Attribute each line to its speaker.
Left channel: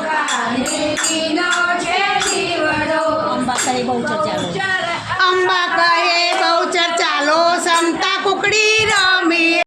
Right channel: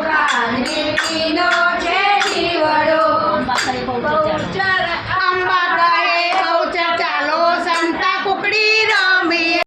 Speaker 1: કાને નો છે જીવડો